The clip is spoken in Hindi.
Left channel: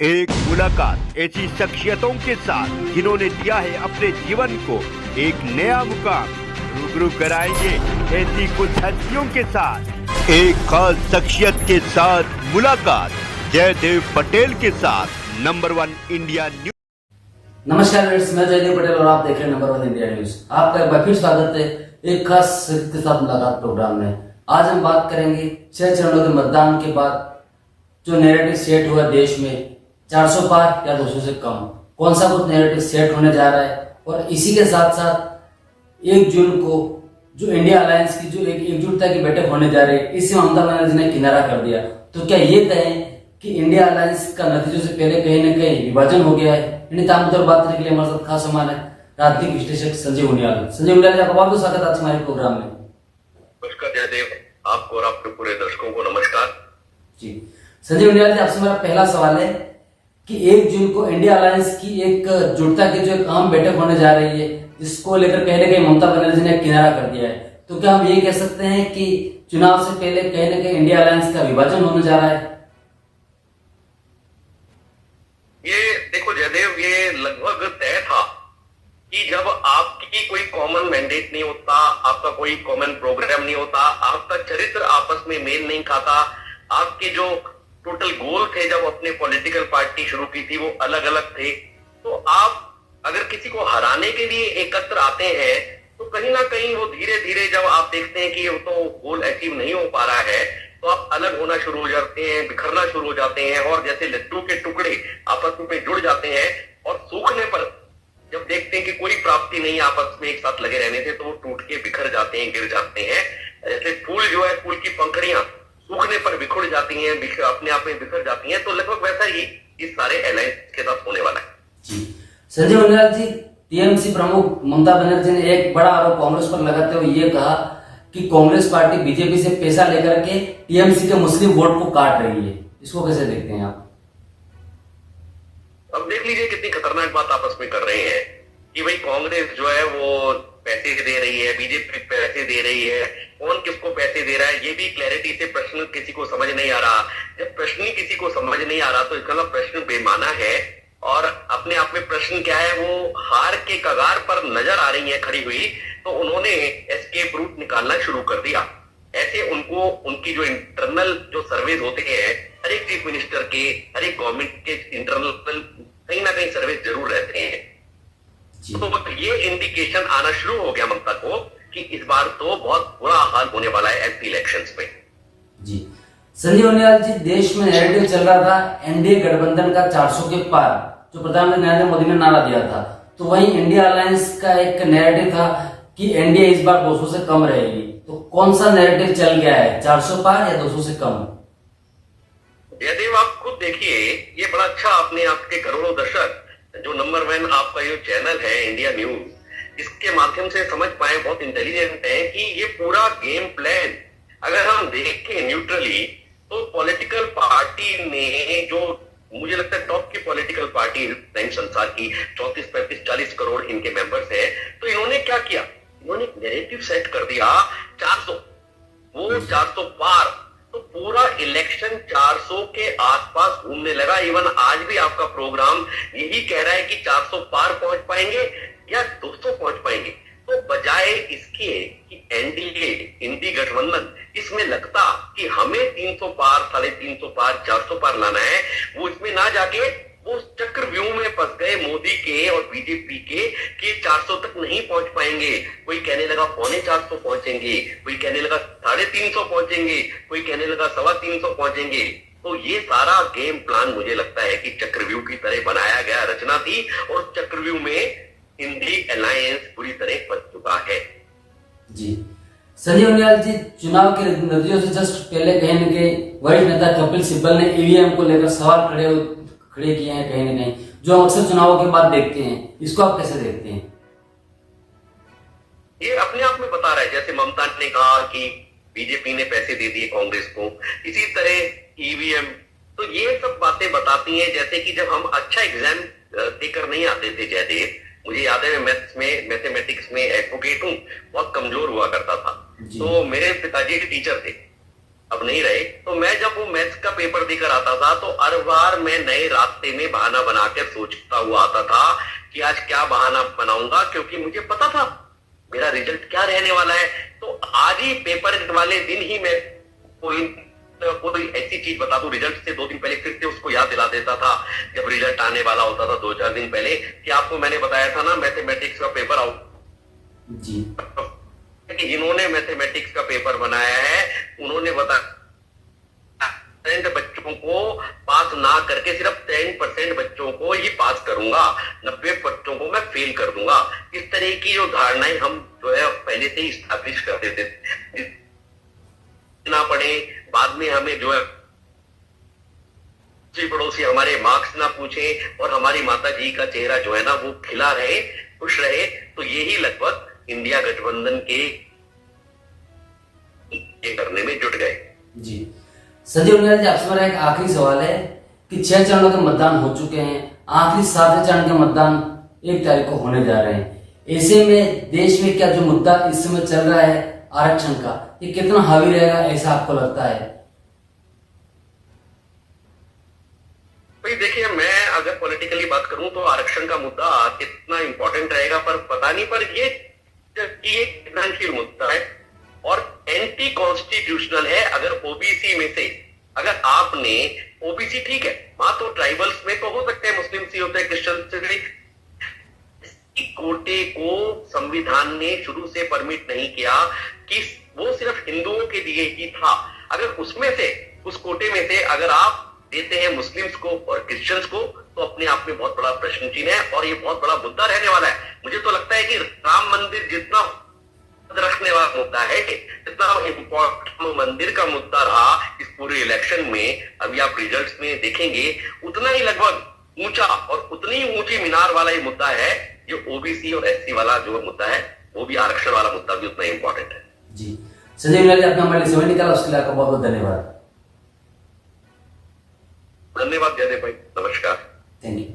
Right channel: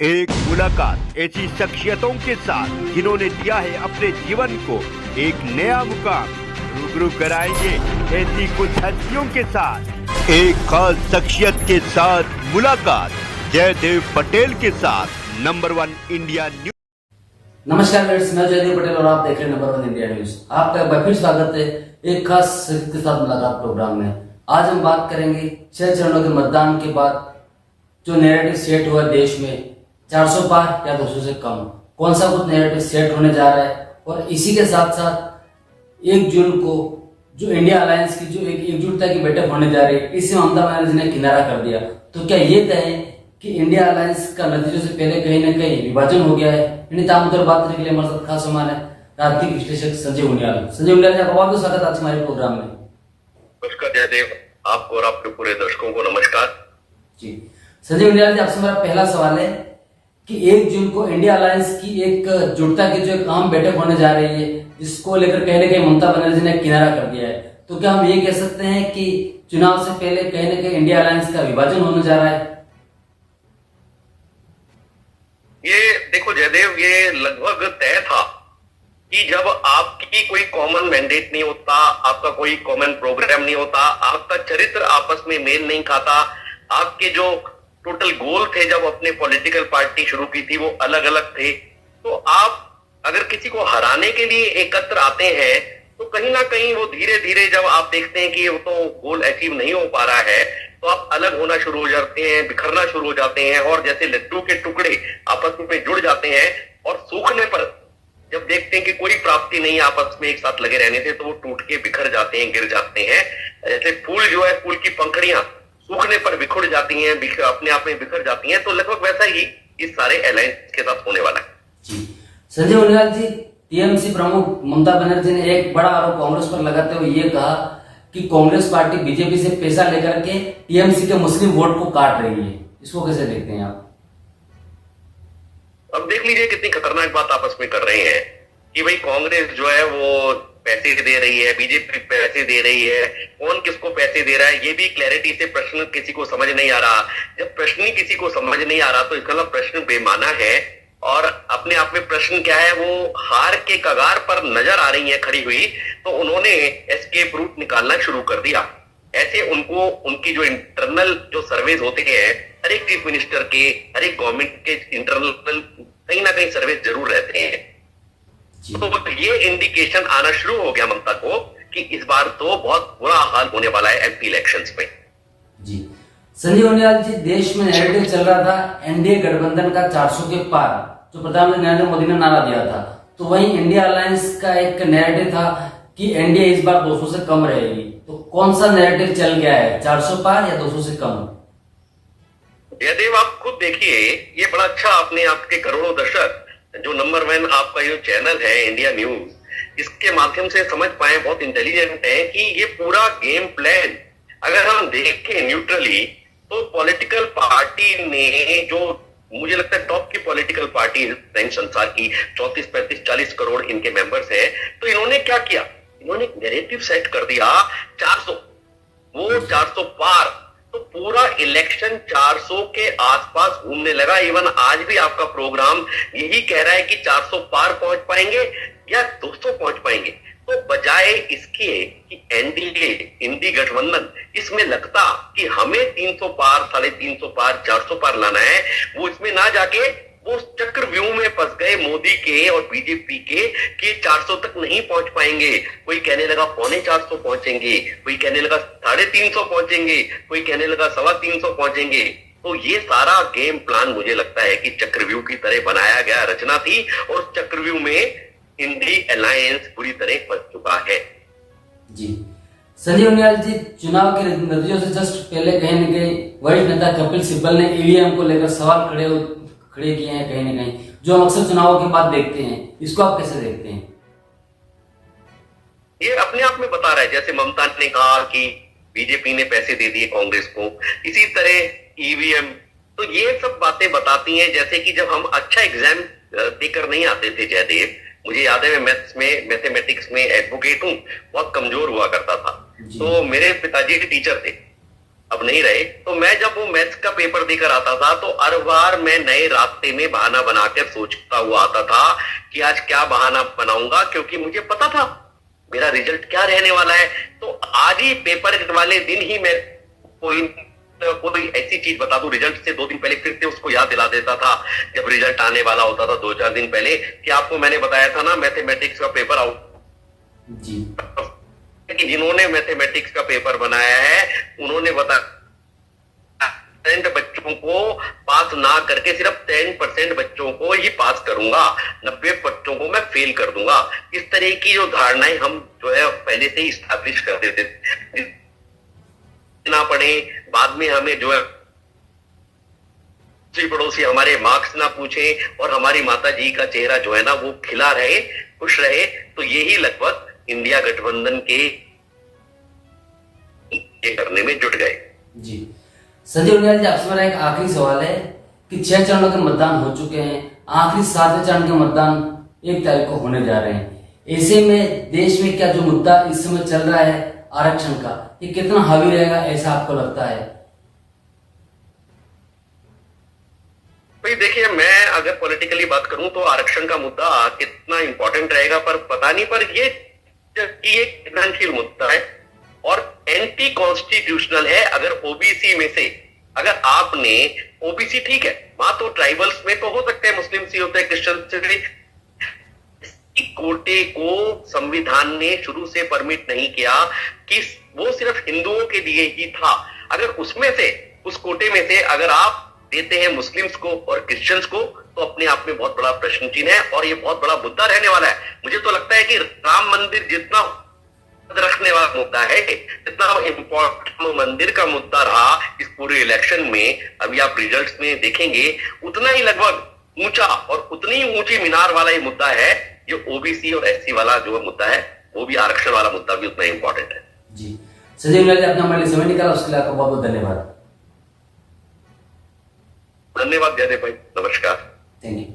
एक मुलाकात ऐसी शख्सियतों के साथ जिन्होंने दिया है अपने जीवन को एक नया मुकाम। रूबरू कराएंगे ऐसी कुछ हस्तियों के साथ एक खास शख्सियत के साथ मुलाकात। जयदेव पटेल के साथ नंबर 1 इंडिया न्यूज। नमस्कार फ्रेंड्स, मैं जयदेव पटेल और आप देख रहे हैं नंबर 1 इंडिया न्यूज। आपका एक बार फिर स्वागत है एक खास शख्सियत के साथ मुलाकात प्रोग्राम में। आज हम बात करेंगे 6 चरणों के मतदान के बाद जो नैरेटिव सेट हुआ देश में, 400 पार या 200 से कम, कौन सा कुछ नैरेटिव सेट होने जा रहा है। और इसी के साथ साथ 1 जून को जो इंडिया अलायंस की जो एक एकजुटता की बैठक होने जा रही है, इसे ममता बनर्जी ने किनारा कर दिया। तो क्या ये तय है कि इंडिया अलायंस का नतीजों से पहले कहीं न कहीं विभाजन हो गया है? इन्हीं तामुद्दर बात करने के लिए हमारे साथ खास मेहमान है राजनीतिक विश्लेषक संजय उनियाल। संजय उनियाल जी, आपका बहुत बहुत स्वागत है आज हमारे प्रोग्राम में। नमस्कार जयदेव, आपको और आपके पूरे दर्शकों को नमस्कार जी। संजय उनियाल जी, आपसे मेरा पहला सवाल है कि 1 जून को इंडिया अलायंस की एक जुटता की जो एक आम बैठक होने जा रही है, जिसको लेकर कहीं न कहीं ममता बनर्जी ने किनारा कर दिया है, तो क्या हम ये कह सकते हैं कि चुनाव से पहले कहीं न कहीं इंडिया अलायंस का विभाजन होने जा रहा है? ये देखो जयदेव, ये लगभग तय था कि जब आपकी कोई कॉमन मैंडेट नहीं होता, आपका कोई कॉमन प्रोग्राम नहीं होता, आपका चरित्र आपस में मेल नहीं खाता, आपके जो टोटल गोल थे जब अपने पॉलिटिकल पार्टी शुरू की थी वो अलग अलग थे, तो आप अगर किसी को हराने के लिए एकत्र आते हैं तो कहीं ना कहीं वो धीरे धीरे जब आप देखते हैं कि वो तो गोल अचीव नहीं हो पा रहा है, तो आप अलग होना शुरू हो जाते हैं, बिखरना शुरू हो जाते हैं, और जैसे लड्डू के टुकड़े आपस में जुड़ जाते हैं और सूखने पर जब देखते हैं कि कोई प्राप्ति नहीं आपस में एक साथ लगे रहने से, तो वो टूट के बिखर जाते हैं, गिर जाते हैं। जैसे फूल जो है, फूल की पंखड़ियां सूखने पर बिखर जाती हैं, अपने आप में बिखर जाती हैं, तो लगभग वैसा ही इस सारे अलायंस के साथ होने वाला है। जी संजय उनियाल जी, टीएमसी प्रमुख ममता बनर्जी ने एक बड़ा आरोप कांग्रेस पर लगाते हुए ये कहा कि कांग्रेस पार्टी बीजेपी से पैसा लेकर के टीएमसी के मुस्लिम वोट को काट रही है। इसको कैसे देखते हैं आप? अब देख लीजिए कितनी खतरनाक बात आपस में कर रहे हैं कि भाई कांग्रेस जो है वो पैसे दे रही है, बीजेपी पैसे दे रही है, कौन किसको पैसे दे रहा है ये भी क्लैरिटी से प्रश्न किसी को समझ नहीं आ रहा। जब प्रश्न ही किसी को समझ नहीं आ रहा तो इसका मतलब प्रश्न बेमाना है, और अपने आप में प्रश्न क्या है, वो हार के कगार पर नजर आ रही है खड़ी हुई, तो उन्होंने एस्केप रूट निकालना शुरू कर दिया। ऐसे उनको उनकी जो इंटरनल जो सर्वेज होते हैं, हर एक चीफ मिनिस्टर के, हर एक गवर्नमेंट के इंटरनल कहीं ना कहीं सर्वेज जरूर रहते हैं। तो ये इंडिकेशन आना शुरू हो गया ममता को कि इस बार तो बहुत बुरा हाल होने वाला है एमपी इलेक्शंस में। जी संजय उनियाल जी, देश में नैरेटिव चल रहा था एनडीए गठबंधन का 400 के पार, जो प्रधानमंत्री नरेंद्र मोदी ने नारा दिया था, तो वहीं इंडिया अलायंस का एक नैरेटिव था कि एनडीए इस बार 200 से कम रहेगी। तो कौन सा नैरेटिव चल गया है, 400 पार या 200 से कम? जयदेव, आप खुद देखिए, ये बड़ा अच्छा अपने आपके करोड़ों दर्शक जो नंबर 1 आपका ये चैनल है इंडिया न्यूज, इसके माध्यम से समझ पाए, बहुत इंटेलिजेंट है कि ये पूरा गेम प्लान अगर हम देखें न्यूट्रली, तो पॉलिटिकल पार्टी ने, जो मुझे लगता है टॉप की पॉलिटिकल पार्टी संसार की, 34, 35, 40 करोड़ इनके मेंबर्स हैं, तो इन्होंने क्या किया, इन्होंने नैरेटिव सेट कर दिया 400, वो 400 पार, तो पूरा इलेक्शन 400 के आसपास घूमने लगा। इवन आज भी आपका प्रोग्राम यही कह रहा है कि 400 पार पहुंच पाएंगे या 200 पहुंच पाएंगे। तो बजाय इसके कि एनडीए इंडी गठबंधन इसमें लगता कि हमें 300 पार, 350 पार, 400 पार लाना है, वो इसमें ना जाके वो चक्रव्यूह में फंस गए मोदी के और बीजेपी के कि 400 तक नहीं पहुंच पाएंगे। कोई कहने लगा 325 पहुंचेंगे, कोई कहने लगा 350 पहुंचेंगे, कोई कहने लगा 325 पहुंचेंगे। तो ये सारा गेम प्लान मुझे लगता है कि चक्रव्यूह की तरह बनाया गया रचना थी, और चक्रव्यूह में इंडी अलायंस पूरी तरह फंस चुका है। जी संजय उनियाल जी, चुनाव के नतीजों से जस्ट पहले कहीं न कहीं वरिष्ठ नेता कपिल सिब्बल ने ईवीएम को लेकर सवाल खड़े किए हैं, कहीं ना कहीं जो हम अक्सर चुनावों के बाद देखते हैं। इसको आप कैसे देखते हैं? ये अपने आप में बता रहा है, जैसे ममता ने कहा कि बीजेपी ने पैसे दे दिए कांग्रेस को, इसी तरह ईवीएम, तो ये सब बातें बताती हैं। जैसे कि जब हम अच्छा एग्जाम देकर नहीं आते थे जयदेव, मुझे याद है मैं मैथमेटिक्स में एडवोकेट हूँ, बहुत कमजोर हुआ करता था, तो मेरे पिताजी के टीचर थे। अब नहीं रहे। तो मैं जब वो मैथ्स का पेपर देकर आता था तो हर बार मैं नए रास्ते में बहाना बनाकर सोचता हुआ आता था कि आज क्या बहाना बनाऊंगा, क्योंकि मुझे पता था मेरा रिजल्ट क्या रहने वाला है। तो आज ही पेपर वाले दिन ही मैं कोई ऐसी चीज बता दूं, रिजल्ट से 2 दिन पहले फिर से उसको याद दिला देता था जब रिजल्ट आने वाला होता था 2-4 दिन पहले, कि आपको मैंने बताया था ना मैथमेटिक्स का पेपर आउट जी, कि जिन्होंने मैथमेटिक्स का पेपर बनाया है उन्होंने बताया बच्चों को पास ना करके सिर्फ 10% बच्चों को ही पास करूंगा, 90 बच्चों को मैं फेल कर दूंगा। इस तरह की जो धारणाएं हम जो है पहले से ही स्टैब्लिश कर देते थे ना पढ़े, बाद में हमें जो है पड़ोसी हमारे मार्क्स ना पूछे और हमारी माता जी का चेहरा जो है ना वो खिला रहे, खुश रहे। तो यही लगभग इंडिया गठबंधन के ये करने में जुट गए। जी संजय उनियाल जी, आपसे मेरा एक आखिरी सवाल है कि 6 चरणों के मतदान हो चुके हैं, आखिरी 7वें चरण के मतदान 1 तारीख को होने जा रहे हैं। ऐसे में देश में क्या जो मुद्दा इस समय चल रहा है आरक्षण का, ये कितना हावी रहेगा ऐसा आपको लगता है? भाई देखिए, मैं अगर पॉलिटिकली बात करूं तो आरक्षण का मुद्दा कितना इंपॉर्टेंट रहेगा पर पता नहीं, पर ये संवेदनशील मुद्दा है और एंटी कॉन्स्टिट्यूशनल है। अगर ओबीसी में से अगर आपने ओबीसी ठीक है, वहां तो ट्राइबल्स में तो हो सकते हैं, मुस्लिम से होते हैं, क्रिश्चियन से भी, कोटे को संविधान ने शुरू से परमिट नहीं किया कि वो सिर्फ हिंदुओं के लिए ही था। अगर उसमें से उस कोटे में से अगर आप देते हैं मुस्लिम्स को और क्रिश्चियंस को तो अपने आप में बहुत बड़ा प्रश्न चिन्ह है और ये बहुत बड़ा मुद्दा रहने वाला है। मुझे तो लगता है कि राम मंदिर जितना रखने वाला मुद्दा है, जितना इम्पोर्टेंट मंदिर का मुद्दा रहा इस पूरे इलेक्शन में, अभी आप रिजल्ट्स में देखेंगे, उतना ही लगभग ऊंचा और उतनी ही ऊंची मीनार वाला ये मुद्दा है जो ओबीसी और एससी वाला जो मुद्दा है, वो भी आरक्षण वाला मुद्दा भी उतना इंपॉर्टेंट है। जी संजय उनियाल जी, अपना हमारे लिए समय निकाला, उसके लिए आपका बहुत बहुत धन्यवाद। धन्यवाद जयदेव भाई, नमस्कार। Thank you.